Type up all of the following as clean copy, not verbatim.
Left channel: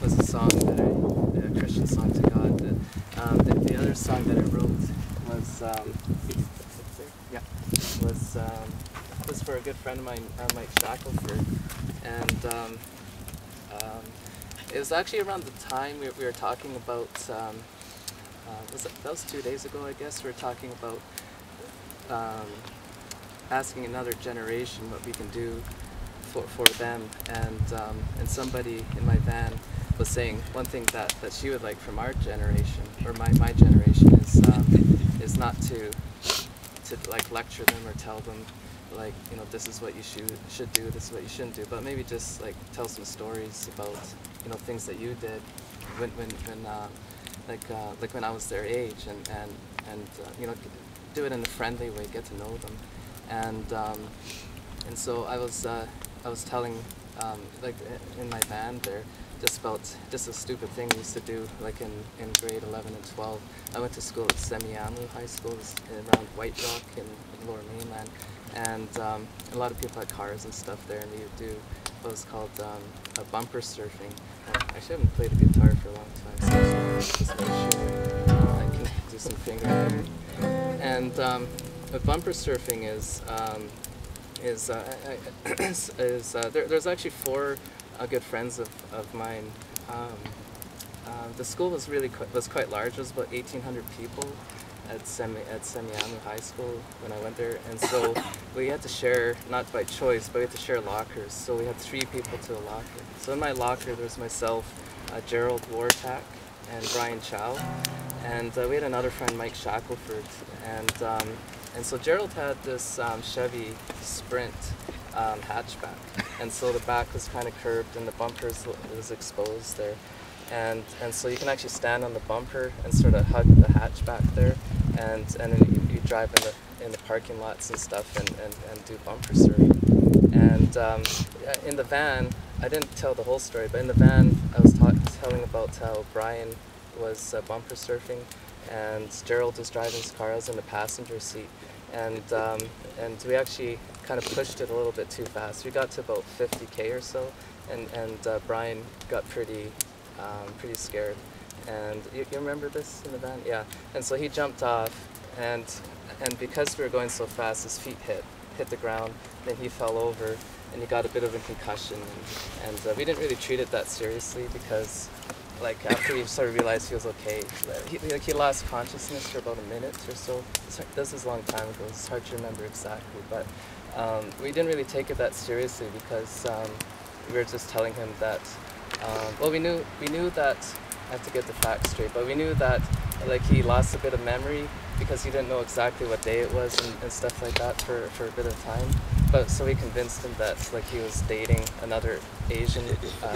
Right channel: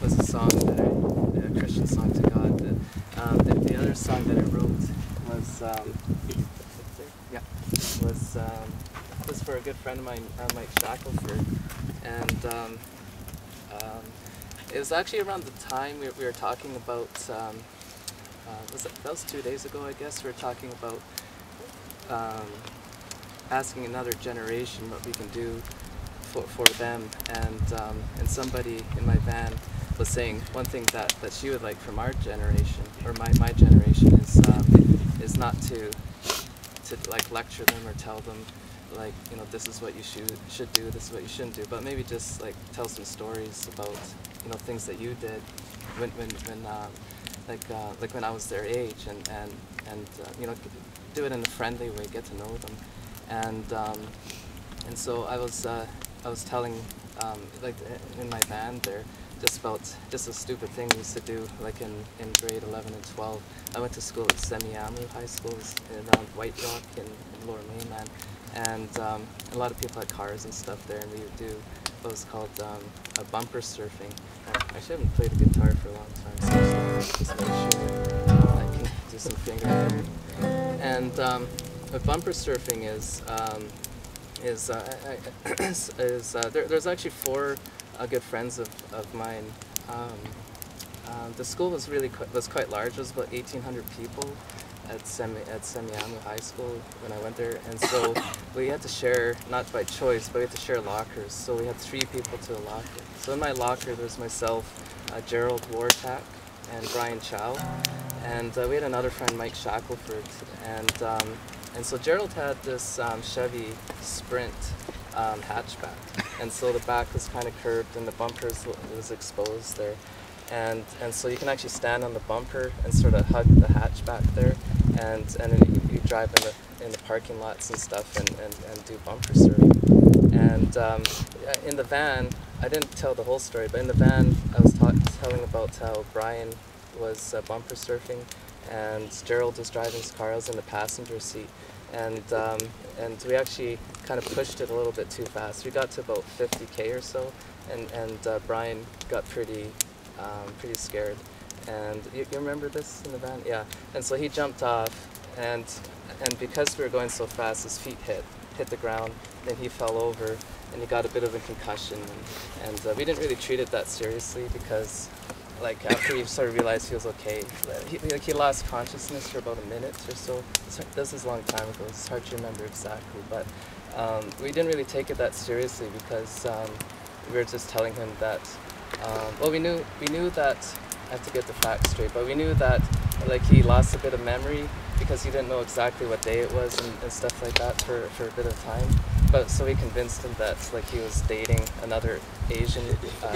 was a song that a Christian song to God. The other song that I wrote was was for a good friend of mine, Mike Shakleford, and it was actually around the time we were talking about. That was 2 days ago, I guess. We were talking about asking another generation what we can do for them, and somebody in my van was saying one thing that she would like from our generation, or my generation, is not to like lecture them or tell them like, you know, this is what you should do, this is what you shouldn't do, but maybe just like tell some stories about, you know, things that you did when like when I was their age, and you know, do it in a friendly way, get to know them, and so I was telling like in my band there just a stupid thing we used to do, like in grade 11 and 12. I went to school at Semiamu High School around White Rock in Lower Mainland, and a lot of people had cars and stuff there, and we would do what was called a bumper surfing. I actually haven't played a guitar for a long time, so just make sure I can do some finger picking. And what bumper surfing there's actually four good friends of mine. The school was quite large. It was about 1,800 people at Semiamu High School when I went there, and so we had to share, not by choice, but we had to share lockers. So we had 3 people to a locker. So in my locker there was myself, Gerald, Wartak, and Chow, and we had another friend, Mike Shakleford, and so Gerald had this Chevy Sprint hatchback, and so the back was kind of curved and the bumpers was exposed there, and so you can actually stand on the bumper and sort of hug the hatchback there, and then you drive in the parking lots and stuff and do bumper surfing. And in the van, I didn't tell the whole story, but in the van I was telling about how Brian was bumper surfing, and Gerald was driving his car. I was in the passenger seat, and we actually kind of pushed it a little bit too fast. We got to about 50K or so, and Brian got pretty scared. And you remember this in the van? Yeah. And so he jumped off, and because we were going so fast, his feet hit the ground. Then he fell over, and he got a bit of a concussion. And we didn't really treat it that seriously, because like after we sort of realized he was okay, he lost consciousness for about a minute or so. This is a long time ago. It's hard to remember exactly, but we didn't really take it that seriously, because we were just telling him that. Well, we knew that. I have to get the facts straight, but we knew that like he lost a bit of memory because he didn't know exactly what day it was and stuff like that for a bit of time. But so we convinced him that like he was dating another Asian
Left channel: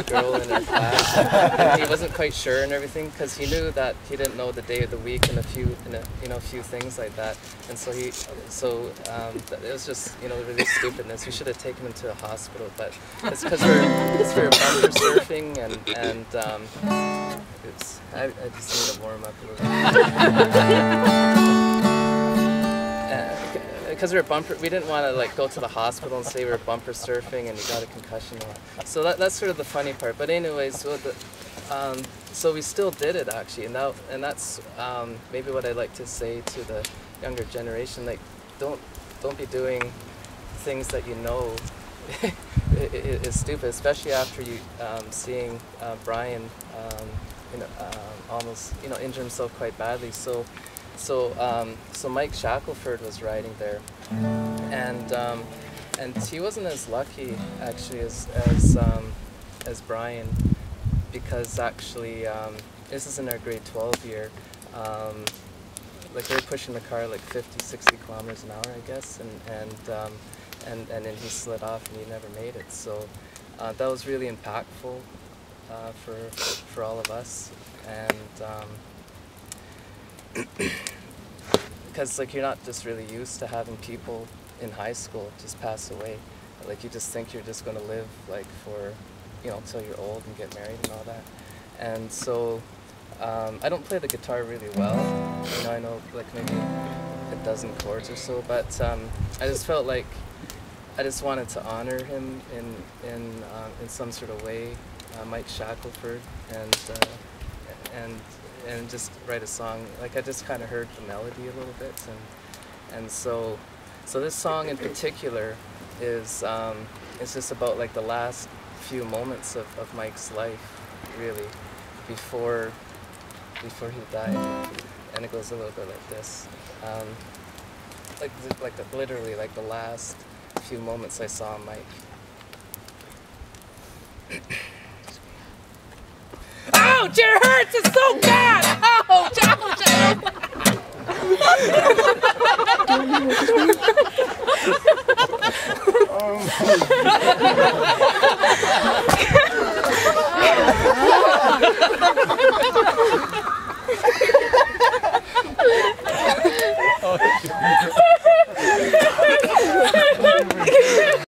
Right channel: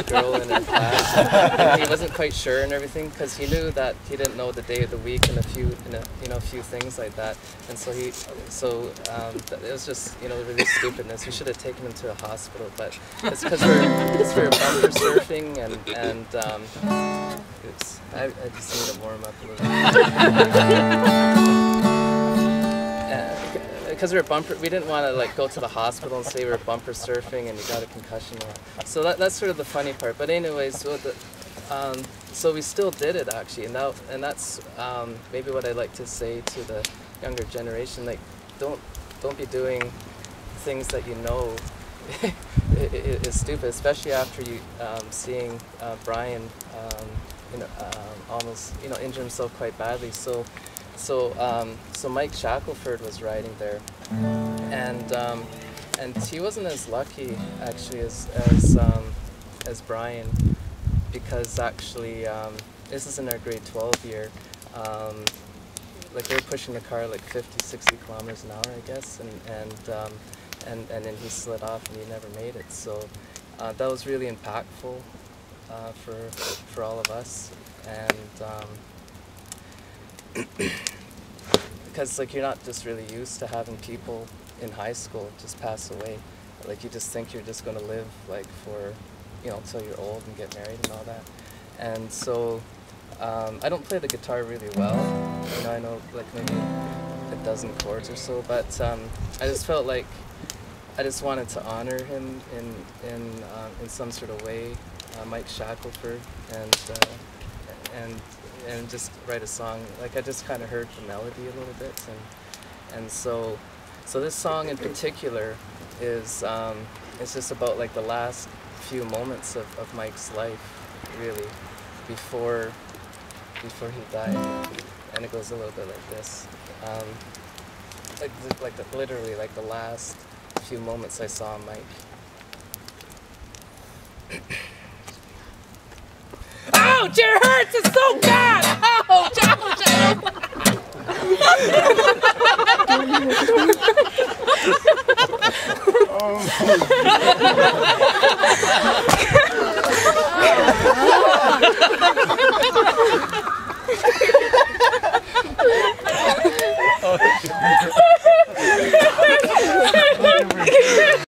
girl in our class, and he wasn't quite sure and everything, because he knew that he didn't know the day of the week and a few things like that. And so it was just, you know, really stupidness. We should have taken him to the hospital, but it's because we're bumper surfing and oops, I just need to warm up a little. Because we didn't want to like go to the hospital and say we were bumper surfing and you got a concussion. So that's sort of the funny part. But anyways, so we still did it actually, and that's maybe what I'd like to say to the younger generation. Like, don't be doing things that you know is stupid, especially after you seeing Brian almost injure himself quite badly. So Mike Shakleford was riding there, and he wasn't as lucky actually as Brian, because actually this is in our grade 12 year. Like we were pushing the car like 50-60 kilometers an hour, I guess, and then he slid off and he never made it. So that was really impactful for all of us, and. Because like you're not just really used to having people in high school just pass away. Like you just think you're just going to live like for, until you're old and get married and all that. And so I don't play the guitar really well. I know like maybe a dozen chords or so, but I just felt like I just wanted to honor him in some sort of way, Mike Shakleford, and just write a song. Like I just kind of heard the melody a little bit, and so this song in particular is it's just about like the last few moments of Mike's life, really, before he died, and it goes a little bit like this, literally like the last few moments I saw Mike. Ouch! It hurts! It's so bad! Ouch! Ouch!